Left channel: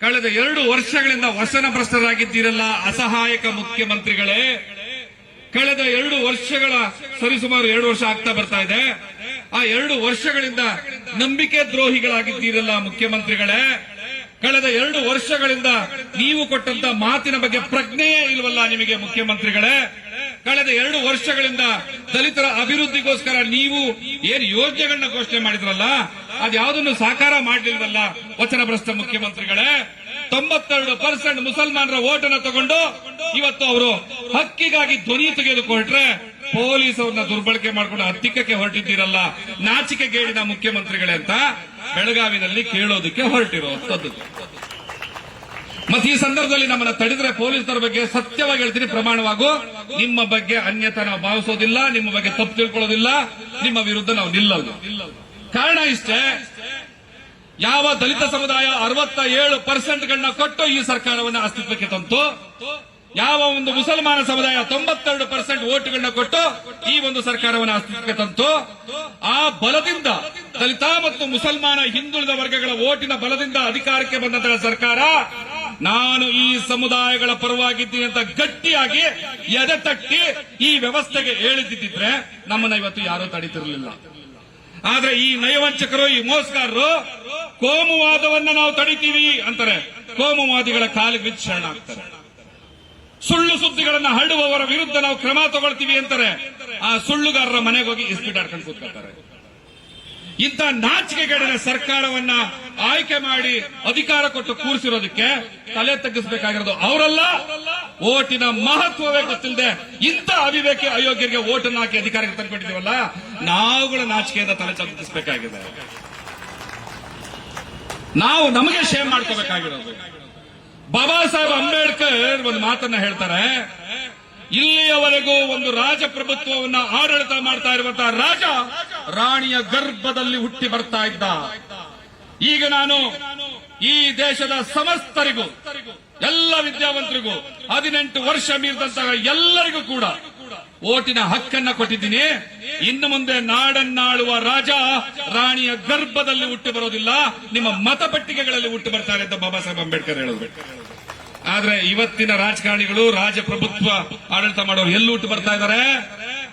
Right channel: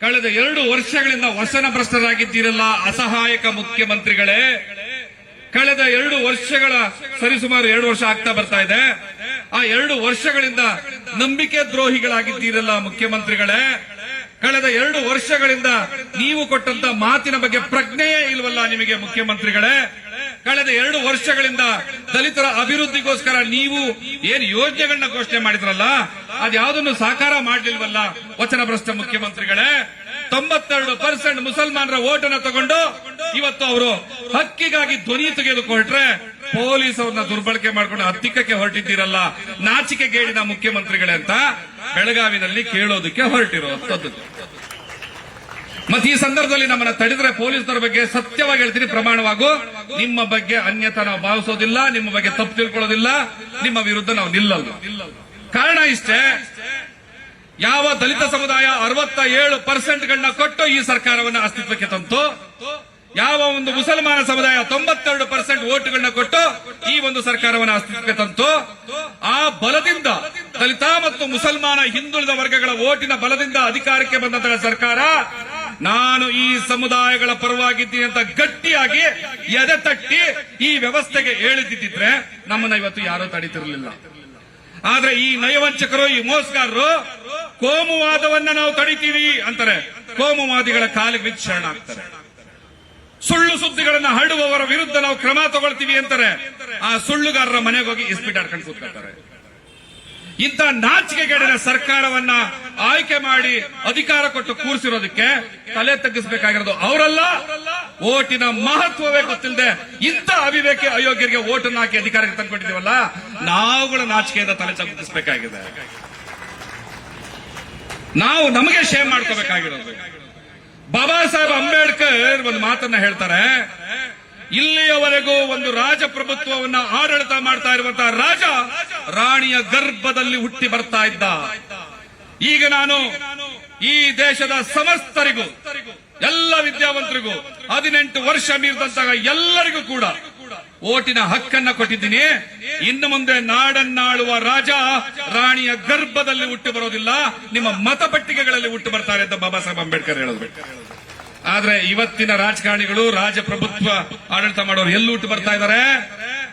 ಕಳೆದ ಎರಡು ವರ್ಷಗಳಿಂದ ವಸನ ಭ್ರಷ್ಟರಾಗಿದ್ದೀರಲ್ಲ ಅಸಹಾಯಕ ಮುಖ್ಯಮಂತ್ರಿಗಳೇ. ಕಳೆದ ಎರಡು ವರ್ಷಗಳ ಸರಿಸುಮಾರು ಎರಡು ವರ್ಷ ಆಗ್ತಾ ಬರ್ತಾ ಇದೆ. ಆ ಎರಡು ವರ್ಷಗಳಿಂದ ನಂಬಿಕೆ ದ್ರೋಹಿಗಳಾಗಿದ್ದೀರಲ್ಲ ಮುಖ್ಯಮಂತ್ರಿಗಳೇ. ಕಳೆದ ಎರಡು ವರ್ಷಗಳಿಂದ ನೀವು ಕೊಟ್ಟಂತ ಮಾತಿನ ಬಗ್ಗೆ ಪ್ರಜ್ಞೆಯೇ ಇಲ್ವಲ್ಲ ನಿಮಗೆ ಮುಖ್ಯಮಂತ್ರಿಗಳೇ. ಕಳೆದ ಎರಡು ವರ್ಷಗಳಿಂದ ದಲಿತರ ಅಭಿವೃದ್ಧಿಗೋಸ್ಕರ ನೀವು ಏನು ಯೋಜನೆಗಳನ್ನ ಘೋಷಣೆ ಮಾಡಿದ್ರಲ್ಲ ಅದ್ಯಾವುದನ್ನು ಸಾಕಾರ ಮಾಡಲಿಲ್ವಲ್ಲ? ವಚನಭ್ರಷ್ಟ ಮುಖ್ಯಮಂತ್ರಿಗಳೇ, ತೊಂಬತ್ತೆರಡು ಪರ್ಸೆಂಟ್ ಮುಸಲ್ಮಾನರ ಓಟನ್ನು ತಗೊಂಡು ಇವತ್ತು ಅವರು ಹಕ್ಕಿಗಾಗಿ ಧ್ವನಿ ತೆಗೆದುಕೊಟ್ರೆ ಪೊಲೀಸ್ ಅವ್ರನ್ನ ದುರ್ಬಳಕೆ ಮಾಡಿಕೊಂಡು ಹತ್ತಿಕ್ಕಕ್ಕೆ ಹೊರಟಿದ್ದೀರಲ್ಲ, ನಾಚಿಕೆಗೇಡಿನ ಮುಖ್ಯಮಂತ್ರಿಗಳೇ ಅಂತ ಬೆಳಗಾವಿನಲ್ಲಿ ಕೇಳೋದಕ್ಕೆ ಹೊರಟಿರುವಂತದ್ದು. ಮತ್ತೆ ಈ ಸಂದರ್ಭದಲ್ಲಿ ನಮ್ಮನ್ನ ತಡೆದ್ರೆ ಪೊಲೀಸರ ಬಗ್ಗೆ ಸತ್ಯವಾಗಿ ಹೇಳ್ತೀನಿ. ಪ್ರಮಾಣವಾಗು. ನಿಮ್ಮ ಬಗ್ಗೆ ಅನ್ಯತಾ ನಾವು ಭಾವಿಸೋದಿಲ್ಲ, ನಿಮ್ಮ ಬಗ್ಗೆ ತಪ್ಪು ತಿಳ್ಕೊಳ್ಳೋದಿಲ್ಲ, ನಿಮ್ಮ ವಿರುದ್ಧ ನಾವು ನಿಲ್ಲಲ್ಲ. ಕಾರಣ ಇಷ್ಟೇ, ಯಾವ ದಲಿತ ಸಮುದಾಯ ಅರವತ್ತ ಏಳು ಪರ್ಸೆಂಟ್ಗಳನ್ನ ಕೊಟ್ಟು ಈ ಸರ್ಕಾರವನ್ನ ಅಸ್ತಿತ್ವಕ್ಕೆ ತಂತು, ಯಾವ ಒಂದು ಮುಸಲ್ಮಾನ ಸಮುದಾಯ ತೊಂಬತ್ತೆರಡು ಪರ್ಸೆಂಟ್ ಓಟ್ಗಳನ್ನ ಕೊಟ್ಟು ಈ ಒಂದು ಸರ್ಕಾರವನ್ನು ಅಸ್ತಿತ್ವಕ್ಕೆ ತಂತು, ಆ ಬಲದಿಂದ ದಲಿತ ಮತ್ತು ಮುಸಲ್ಮಾನ ಹಿಂದುಳಿದ ವರ್ಗಗಳ ಓಟಿನ ಬಲದಿಂದ ಅಧಿಕಾರಕ್ಕೆ ಬಂದಂತಹ ಸರ್ಕಾರ ನಾನು ಈ ಸಮುದಾಯಗಳ ಪರವಾಗಿದ್ದೀನಿ ಅಂತ ಗಟ್ಟಿಯಾಗಿ ಎದೆ ತಟ್ಟಿ ಈ ವ್ಯವಸ್ಥೆಗೆ ಹೇಳಿದ್ದಿದ್ರೆ ನಮ್ಮನ್ನ ಇವತ್ತು ಯಾರೂ ತಡೀತಿರ್ಲಿಲ್ಲ. ಆದ್ರೆ ಈ ನಯವಂಚಕರು, ಈ ಮೋಸಗಾರರು ಕೋಮುವಾದವನ್ನ ನಾವು ತಡಿತೀವಿ ಅಂತಾರೆ. ಕೋಮುವಾದಿಗಳ ಕಾಲಿಗೆ ಬಿದ್ದು ಶರಣಾಗ್ತಾರೆ ಸುಳ್ಳು ಸುದ್ದಿಗಳನ್ನ ಹರಡುವವರ ವಿರುದ್ಧ ನಾವು ಕ್ರಮ ತಗೊಳ್ತೀವಿ ಅಂತಾರೆ. ಆ ಸುಳ್ಳುಗಾರರ ಮನೆಗೆ ಹೋಗಿ ಕೂತ್ಕೊಳ್ತಾರೆ. ಇಂಥ ನಾಚಿಕೆಗೇಡಿನ ಸರ್ಕಾರವನ್ನ ಆಯ್ಕೆ ಮಾಡಿ ಅಧಿಕಾರ ಕೊಟ್ಟು ಕೂರಿಸಿರೋದಕ್ಕೆ ತಲೆ ತಗ್ಗಿಸಬೇಕಾಗಿರೋದು ಅವರಲ್ಲ. ಓಟಿನ ಮಹತ್ವವೇ ಗೊತ್ತಿಲ್ಲದೆ ಇಂಥ ಅವಿವೇಕಿ ಅಯೋಗ್ಯರಿಗೆ ಓಟನ್ನು ಹಾಕಿ ಅಧಿಕಾರಕ್ಕೆ ತಂದ್ಕೊಟ್ಟಿದ್ದೀವಲ್ಲ ನಾವುಗಳ ನಾಚಿಕೆಯಿಂದ ತಲೆ ತಗ್ಗಿಸಬೇಕಾಗಿದೆ. ನಾವು ನಮಗೆ ಶೇಮ್ ಮಾಡ್ಕೋಬೇಕಾಗಿರೋದು. ಬಾಬಾ ಸಾಹೇಬ್ ಅಂಬೇಡ್ಕರ್ ಒಂದು ಮಾತನ್ನ ಹೇಳ್ತಾರೆ, ಇಲ್ಲಿಯವರೆಗೂ ಒಂದು ರಾಜಪ್ರಭುತ್ವವನ್ನ ಆಡಳಿತ ಮಾಡ್ತಾ ಇರುವಂತಹ ರಾಜ ರಾಣಿಯ ಗರ್ಭದಲ್ಲಿ ಹುಟ್ಟಿ ಬರ್ತಾ ಇದ್ದ. ಈಗ ನಾನು ಈ ದೇಶದ ಸಮಸ್ತರಿಗೂ, ಎಲ್ಲ ವಿದ್ಯಾವಂತರಿಗೂ, ಹದಿನೆಂಟು ವರ್ಷ ಮೀರಿದಂತಹ ಎಲ್ಲರಿಗೂ ಕೂಡ ಓಟಿನ ಹಕ್ಕನ್ನ ಕೊಟ್ಟಿದ್ದೀನಿ. ಇನ್ನು ಮುಂದೆ ನಾಡನ್ನಾಳುವ ರಾಜ ರಾಣಿಯ ಗರ್ಭದಲ್ಲಿ ಹುಟ್ಟು ಬರೋದಿಲ್ಲ, ನಿಮ್ಮ ಮತಪಟ್ಟಿಗೆಗಳಲ್ಲಿ ಹುಟ್ಟು ಬರ್ತಾರೆ ಅಂತ ಬಾಬಾ ಸಾಹೇಬ್ ಅಂಬೇಡ್ಕರ್ ಹೇಳಿದ್ರು ಆದ್ರೆ ಇವತ್ತಿನ ರಾಜಕಾರಣಿಗಳು, ರಾಜಪ್ರಭುತ್ವ ಆಡಳಿತ ಮಾಡೋರು ಎಲ್ಲಿ ಹುಟ್ಟು ಬರ್ತಾ ಇದ್ದಾರೆ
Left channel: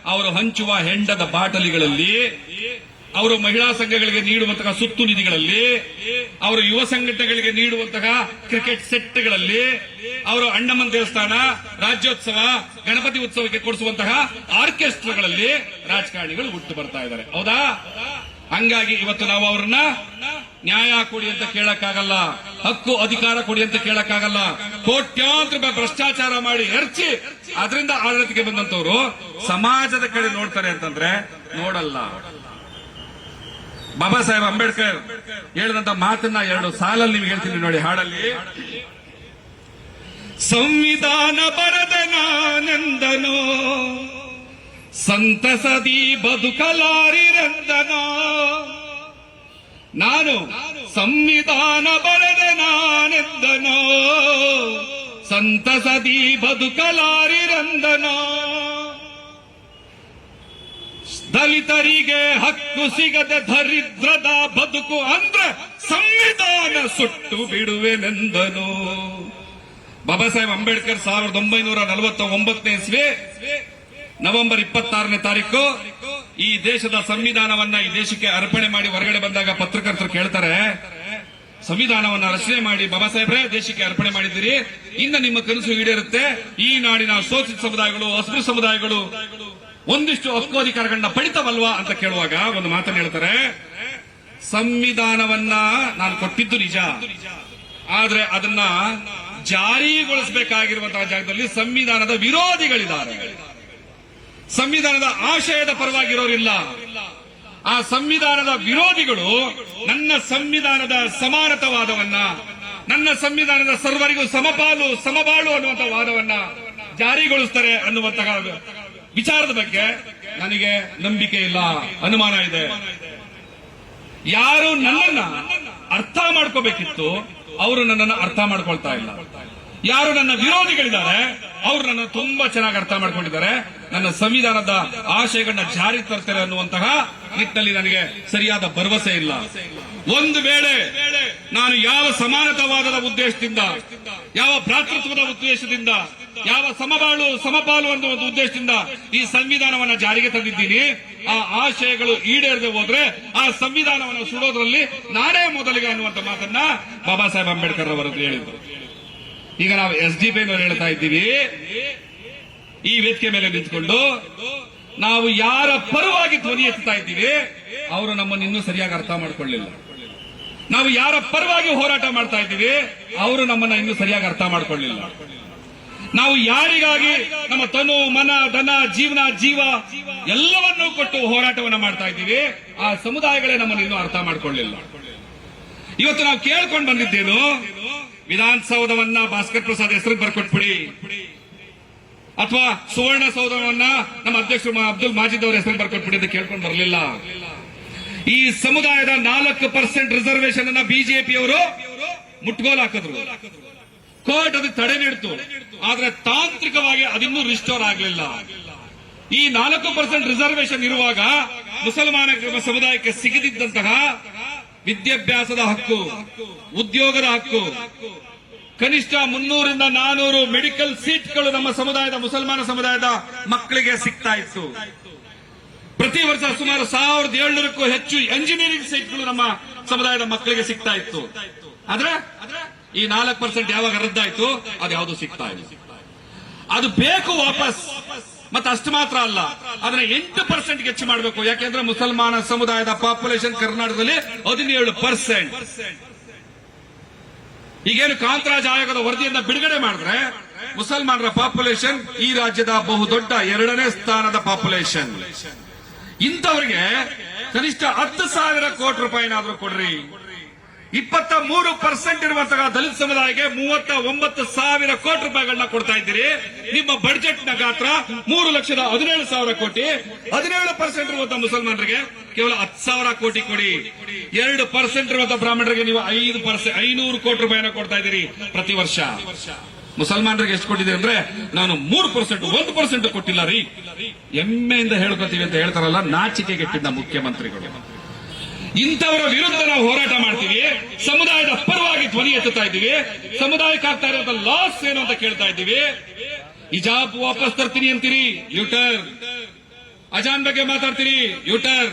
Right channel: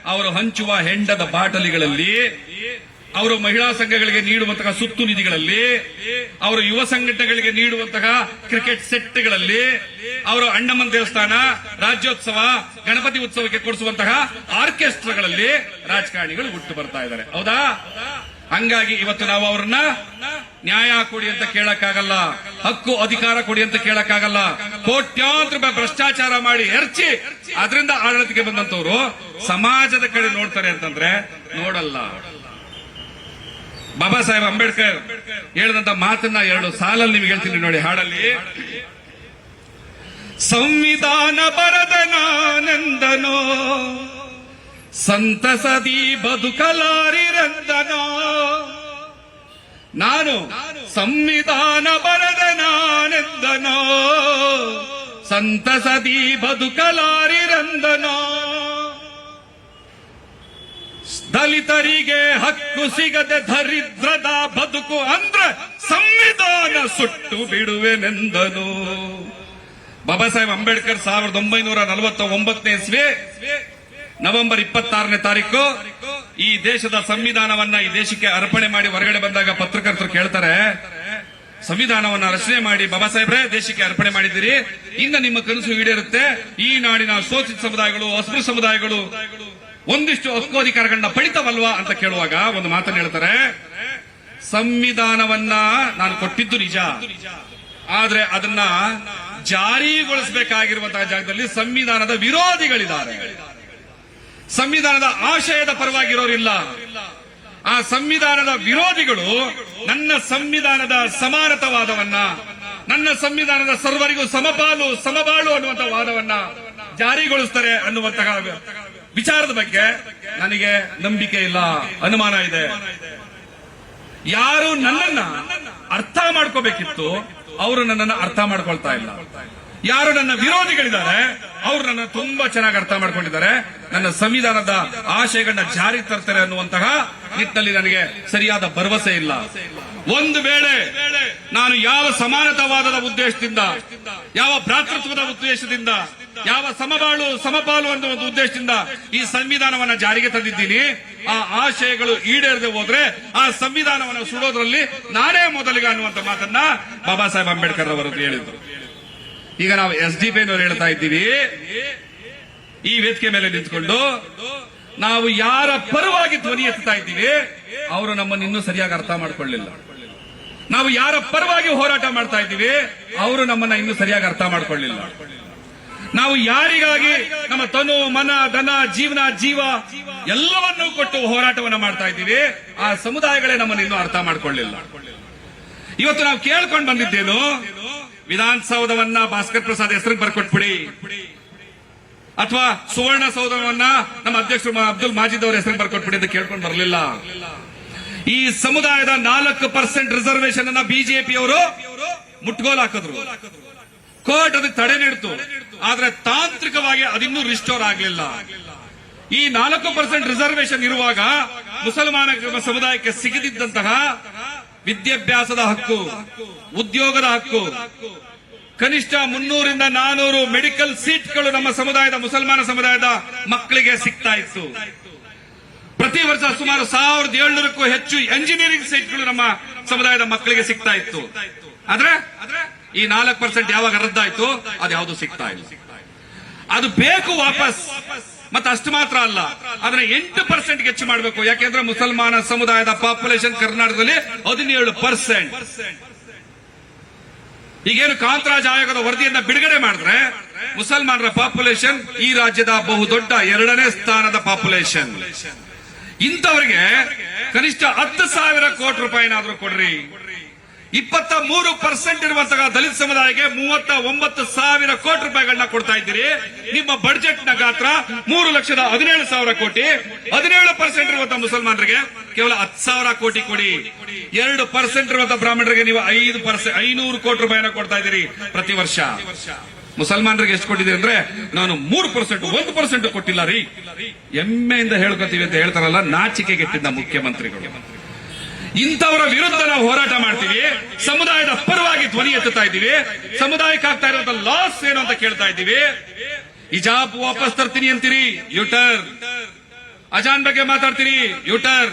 ಅವರು ಹಂಚುವ ಹೆಂಡದ ಬಾಟಲಿಗಳಲ್ಲಿ ಅವರು ಮಹಿಳಾ ಸಂಘಗಳಿಗೆ ನೀಡುವಂತಹ ಸುತ್ತು ನಿಧಿಗಳಲ್ಲಿ, ಅವರು ಯುವ ಸಂಘಟನೆಗಳಿಗೆ ನೀಡುವಂತಹ ಕ್ರಿಕೆಟ್ ಸೆಟ್ಗಳಲ್ಲಿ ಅವರು ಅಣ್ಣಮ್ಮನ ದೇವಸ್ಥಾನ, ರಾಜ್ಯೋತ್ಸವ, ಗಣಪತಿ ಉತ್ಸವಕ್ಕೆ ಕೊಡಿಸುವಂತಹ ಆರ್ಕೆಸ್ಟ್ರಾಗಳಲ್ಲಿ ರಾಜಕಾರಣಿಗಳು ಹುಟ್ಟು ಬರ್ತಾ ಇದ್ದಾರೆ. ಹೌದಾ? ಹಂಗಾಗಿ ಇವತ್ತು ನಾವು ಅವ್ರನ್ನ ನ್ಯಾಯ ಕೊಡಿ ಅಂತ ಕೇಳಕ್ಕಾಗಲ್ಲ, ಹಕ್ಕು ಅಧಿಕಾರ ಕೊಡಿ ಅಂತ ಕೇಳಕ್ಕಾಗಲ್ಲ, ಕೋಟ್ಯಾಂತರ ರೂಪಾಯಿ ಭ್ರಷ್ಟಾಚಾರ ಮಾಡಿ ಎರಚಿ ಅದರಿಂದ ಆಡಳಿತಕ್ಕೆ ಬಂದಂತವ್ರು ಸಮಾಜದ ಕಡೆ ನೋಡ್ತಾರೆ ಅಂತಂದ್ರೆ ನೋಡಲ್ಲ. ಬಾಬಾ ಸಾಹೇಬ್ ಅಂಬೇಡ್ಕರ್ ಹೇಳಿದಂತ ಮಾತನ್ನ ಎರಡು ಸಾಲಲ್ಲಿ ನಿಮ್ಗೆ ಹೇಳ್ತೀನಿ ನೋಡಿ ಹಾಡಲ್ಲಿ. ಸಂವಿಧಾನ ಬರದ ಸಂತಸದಿ ಬದುಕಲಾರಿರಂದನೋ. ನಾನು ಸಂವಿಧಾನ ಬರದ ನಾನೆಂದನೋ ಸಂತಸದಿ ಬದುಕಲಾರಿರಂದನೋ. ದಲಿತರಿಗೆ ಹಕ್ಕು ಸಿಗದೆ ದರಿದ್ರದ ಬದುಕು ಅಂದ್ರೆ ಸಂವಿಧಾನ ಸುಟ್ಟು ಬಿಡುವೆನೆಂದನು. ಬಾಬಾ ಸಾಹೇಬ್ ಅಂಬೇಡ್ಕರ್ ಸಾವಿರದ ಒಂಬೈನೂರ ನಲವತ್ತ ಒಂಬತ್ತನೇ ಇಸ್ವಿ ನವೆಂಬರ್ ಇಪ್ಪತ್ತಾರನೇ ತಾರೀಕು, ಈ ದೇಶದ ಸಂವಿಧಾನವನ್ನ ಈ ದೇಶಕ್ಕೆ ಅರ್ಪಣೆ ಮಾಡಿ ಹೊರಗಡೆ ಬಂದಾಗ ಪತ್ರಕರ್ತರು ಕೇಳ್ತಾರೆ ಸಂವಿಧಾನವನ್ನ ರಚನೆ ಮಾಡಿ ಬಾಬಾ ಸಾಹೇಬ್ರೆ ದೇಶಕ್ಕೆ ಅರ್ಪಣೆ ಮಾಡಿದ್ದೀರಿ. ಇನ್ನು ನಿಮ್ಮ ಕನಸು ಈಡೇರುತ್ತೆ. ಈ ನಾಡಿನ ಶೋಷಿತ ಸಮುದಾಯಗಳು, ಅಸ್ಪೃಶ್ಯ ಸಮುದಾಯಗಳು ಒಂದಿಷ್ಟು ಹಕ್ಕೋಧಿಕಾರಗಳನ್ನ ಪಡಿತವಲ್ವಾ ಅಂತ ಕೇಳುವಾಗ ಒಂದು ಮಾತನ್ನು ಹೇಳ್ತಾರೆ. ಸಂವಿಧಾನವನ್ನ ನಾನು ಕೊಟ್ಟಿದ್ದು ನಿಜ. ಆದ್ರೆ ಅದನ್ನ ಜಾರಿಗೊಳಿಸಬೇಕಾಗಿರುವಂತಹ ಜಾಗದಲ್ಲಿ ಸಂವಿಧಾನದ ವಿರೋಧಿಗಳಿದ್ದಾರೆ. ಸಂವಿಧಾನದ ಆಶಯದ ಪರವಾಗಿರೋರಿಲ್ಲ. ಆ ಸಂವಿಧಾನದ ವಿರೋಧಿಗಳು ನನ್ನ ಸಂವಿಧಾನದ ಸಮಾನತವಾದವನ್ನ, ನನ್ನ ಸಂವಿಧಾನದ ಸರ್ವರಿಗೂ ಸಮಪಾಲು, ಸಮಬಾಳು ಅನ್ನುವಂತ ವಾದವನ್ನ ಜಾರಿಗೊಳಿಸ್ತಾರೆ ಅನ್ನುವಂತಹ ವಿಚಾರದ ಬಗ್ಗೆ ನನಗೆ ನಂಬಿಕೆ ಇಲ್ಲ, ಅನುಮಾನ ಇದೆ. ಯಾರು ನನ್ನನ್ನ ಅರ್ಥ ಮಾಡ್ಕೋಬೇಕಿತ್ತು, ಅವರು ನನ್ನನ್ನು ಅರ್ಥ ಮಾಡ್ಕೊಳ್ತಾ ಇಲ್ಲ. ಯಾರು ನನ್ನ ವಿರೋಧಿಗಳಿದ್ದಾರೆ, ಅವರು ನನ್ನ ತುಂಬಾ ಚೆನ್ನಾಗಿ ಅರ್ಥ ಮಾಡ್ಕೊಂಡಿದ್ದಾರೆ. ನನ್ನ ಸಂವಿಧಾನದ ಆಶಯಗಳನ್ನ ಜಾರಿ ತರ್ತಾರೆ ಅನ್ನುವಂತಹ ನಿಟ್ಟಿನಲ್ಲಿ ನನಗೆ ಸರಿಯಾದ ಭರವಸೆ ಇಲ್ಲ. ಒಂದು ವೇಳೆ ನಾನು ಯಾವ ಸಮಾನತಾವಾದದ ಉದ್ದೇಶದಿಂದ, ಯಾವ ಭ್ರಾತೃತ್ವದ ಉದ್ದೇಶದಿಂದ, ಯಾವ ಸಮಬಾಳು ಸಮಪಾಲು ಅನ್ನೋ ಒಂದು ಉದ್ದೇಶದಿಂದ ಈ ಸಂವಿಧಾನವನ್ನ ಜಾರಿಗೆ ತಂದಿದ್ದೀನಿ, ಆ ಆಶಯಗಳು ಈಡೇರದೆ ಹೋದ್ರೆ ಆ ಸಂವಿಧಾನವನ್ನು ಸುಡೋದ್ರಲ್ಲಿ ನಾನೇ ಮೊದಲಿಗೆ ಅನ್ನುವಂತ ಮಾತನ್ನ ಬಾಬಾ ಸಾಹೇಬ್ ಅಂಬೇಡ್ಕರ್ ಅವರು ಹೇಳಿದ್ರು. ಈಗ ನಾವು ಎಸ್ ಡಿ ಪಿ ಹೇಳ್ತಾ ಇದ್ದೀವಿ. ಈ ವೇದಿಕೆ ಮೇಲೆ ನಿಂತ್ಕೊಂಡು ನಾವು ಯಾರ ಪರವಾಗಿ ಧ್ವನಿ ಎತ್ತಾ ಇದ್ದೀವಿ, ಅವರು ನಮ್ಮನ್ನು ಇನ್ನೂ ಸರಿಯಾಗಿ ಅರ್ಥ ಮಾಡಿಕೊಳ್ಳಿಲ್ಲ. ನಾವು ಯಾರ ಪರವಾಗಿ ಹೋರಾಟ ಮಾಡ್ತಾ ಇದ್ದೀವಿ, ಅವರು ನಮ್ಮನ್ನ ಇನ್ನೂ ಸರಿಯಾಗಿ ಅರ್ಥ ಮಾಡಿಕೊಳ್ಳಿಲ್ಲ. ನಾವು ಯಾರಿಗಾಗಿ ನಮ್ಮ ತನು, ಮನ, ಧನ, ಜೀವನ, ಜೀವ ಎಲ್ಲವನ್ನೂ ಕೊಟ್ಟು ಹೋರಾಟವನ್ನ ಮಾಡ್ತಾ ಇದ್ದೀವಿ, ಆ ಸಮುದಾಯಗಳೇ ನಮ್ಮನ್ನು ಇನ್ನೂ ಅರ್ಥ ಮಾಡಿಕೊಳ್ಳಿಲ್ಲ. ಇವತ್ತು ನಾವು ಕೇಳ್ಕೊಂಡು ಬಂದಿದ್ದೇನು ವಿಧಾನಸೌಧವನ್ನ ಭಾಸ್ಕರ್ ಪ್ರಸಾದ್ ಹೆಸರಿಗೆ ಬರ್ಕೊಟ್ಬಿಡಿ. ಅಥವಾ ಸುವರ್ಣ ಸೌಧವನ್ನ ನಮ್ಮ ಅಧ್ಯಕ್ಷರು ಅಬ್ದುಲ್ ಮಾಜಿದ್ ಅವರ ಹೆಸರಿಗೆ ಬರ್ಕೊಟ್ಬಿಡಿ ಅಂತ ಕೇಳ್ಕೊಂಡು ಬರಲಿಲ್ಲ. ಈ ಸಮುದಾಯದ ನಾಲ್ಕು ಪರ್ಸೆಂಟ್ ರಿಸರ್ವೇಶನ್ ಅನ್ನ ಬಿಜೆಪಿಯವರು ಮುಟ್ಗೋಲ್ ಹಾಕಿದ್ರು. ಕೋರ್ಟ್ ಅದು ತಡೆ ನೀಡಿತು. ಆದ್ರೆ ತಾಂತ್ರಿಕವಾಗಿ ಅದಿನ್ನೂ ರಿಸ್ಟೋರ್ ಆಗಲಿಲ್ಲ. ಈ ನಾಲ್ಕು ಪರ್ಸೆಂಟ್ ರಿಸರ್ವೇಶನ್ ಇರುವಾಗ ಮುಸಲ್ಮಾನ ಸಮುದಾಯಕ್ಕೆ ಸಿಗದಿದ್ದಂತಹ ವಿದ್ಯಾಭ್ಯಾಸದ ಹಕ್ಕು, ಉದ್ಯೋಗದ ಹಕ್ಕು. ಕನಿಷ್ಠ ಮುನ್ನೂರಿಂದ ನಾನೂರು ಮೆಡಿಕಲ್ ಸೀಟ್ಗಳು ನಮ್ಮ ಸಮುದಾಯದ ಮುಸಲ್ಮಾನ ಸಮುದಾಯದ ಮಕ್ಕಳಿಗೆ ಸಿಗ್ತಾ ಇತ್ತು. ಪ್ರತಿ ವರ್ಷ ಸುಮಾರು ಸಾವಿರದ ಏಳ್ನೂರಕ್ಕೂ ಹೆಚ್ಚು ಎಂಜಿನಿಯರಿಂಗ್ ಸೀಟ್ಗಳು ನಮ್ಮ ಸಮುದಾಯದ ಮಕ್ಕಳಿಗೆ ಸಿಗ್ತಾ ಇತ್ತು. ಆದ್ರೆ ಈ ನಾಲ್ಕು ಪರ್ಸೆಂಟ್ ಯಾವಾಗ ರದ್ದಾಯ್ತು? ಅದು ಯಾವುದು ಸಿಗ್ತಾ ಇಲ್ಲ. ಅದು ಬೇಕು ವಾಪಸ್. ಮತ್ತೆ ಅಷ್ಟು ಮಾತ್ರ ಅಲ್ಲ. ಅದನ್ನ ಎಂಟು ಪರ್ಸೆಂಟ್ ಹೆಚ್ಚು ಮಾಡಬೇಕು. ಯಾಕೆಂದ್ರೆ ಮುಸಲ್ಮಾನ ಸಮುದಾಯದ ಪಾಪ್ಯುಲೇಷನ್ ಕರ್ನಾಟಕದಲ್ಲಿ ಹದಿನೇಳು ಪರ್ಸೆಂಟ್ ಈಗೇನು ಕಾಂತರಾಜ್ ಆಯೋಗದ ವರದಿಯನ್ನ ಬಿಡುಗಡೆ ಮಾಡಿದ್ರೆ ಮುಸಲ್ಮಾನರ ಪಾಪ್ಯುಲೇಷನ್ ಈ ರಾಜ್ಯದ ಬಹುದೊಡ್ಡ ಎರಡನೇ ಸ್ಥಾನದ ಪಾಪ್ಯುಲೇಷನ್ ಇಂಥವರಿಗೆ ಕನಿಷ್ಠ ಹತ್ತು ಸಾವಿರ ಕೋಟಿ ರೂಪಾಯಿನಾದ್ರೂ ಕೊಡ್ರಿ. ಇಪ್ಪತ್ತ ಮೂರು ಪರ್ಸೆಂಟ್ ಇರುವಂತಹ ದಲಿತ ಸಮುದಾಯಕ್ಕೆ ಮೂವತ್ತ ಒಂಬತ್ತು ಸಾವಿರ ಕೋಟಿ ರೂಪಾಯಿಗಳನ್ನ ಕೊಡ್ತಾ ಇದ್ದೀರಿ. ನಿಮ್ಮ ಬಡ್ಜೆಟ್ನ ಗಾತ್ರ ಮೂರು ಲಕ್ಷದ ಹದಿನೇಳು ಸಾವಿರ ಕೋಟಿ. ಹದಿನೇಳು ಪರ್ಸೆಂಟ್ ಇರುವಂತಹ ಮುಸಲ್ಮಾನರಿಗೆ ಕೇವಲ ಹತ್ತು ಸಾವಿರ ಕೋಟಿ ಕೊಡಿ. ಎರಡು ಪರ್ಸೆಂಟ್ ಇರುವಂತಹ ಬ್ರಾಹ್ಮಣರಿಗೆ ನೀವು ಐದು ಪರ್ಸೆಂಟ್ ಐನೂರು ಕೋಟಿ ರೂಪಾಯಿನ ಕೊಡ್ತಾ ಇದ್ದೀರಿ ಪ್ರತಿ ವರ್ಷ. ಮುಸಲ್ಮಾನರಿಗೆ ಎಷ್ಟು ಕೊಟ್ಟಿದ್ದೀರಿ ಅಂದ್ರೆ ನಾನು ಮೂರು ಪರ್ಸೆಂಟ್ ಒಂದು ಪರ್ಸೆಂಟ್ ಕೊಟ್ಟಿಲ್ಲ ರೀ. ಹೆಮ್ಮೆಯಿಂದ ಹೇಳ್ಕೊತೀವಿ ಅಂತ ಹೇಳ್ತಾರಲ್ಲ, ನಾಚಿಕೆಗೆಟ್ಟಿದ್ದ ಮುಖ್ಯಮಂತ್ರಿಗಳು. ಇಂಥವರ ವಿರುದ್ಧ ನಾವು ಹೋರಾಟ ಮಾಡ್ತೀವಿ. ಸಮುದಾಯದ ಪರವಾಗಿ ಧ್ವನಿ ಎತ್ತುತ್ತಾ ಇದ್ದೀವಿ. ಸಮುದಾಯಕ್ಕೆ ಆಗ್ತಾ ಇರುವಂತ ಲಾಸ್ ಏನು ಅಂತ ಕೇಳ್ತಾ ಇದ್ದೀವಿ. ಇಜಾಬ್ ವಾಪಸ್ ತರ್ತೀನಿ ಅಂತೀರಿ. ಯೂಟರ್ ಅಜಾನ್ ಬಗ್ಗೆ ಮಾತಾಡ್ತೀರಿ ಯೂಟರ್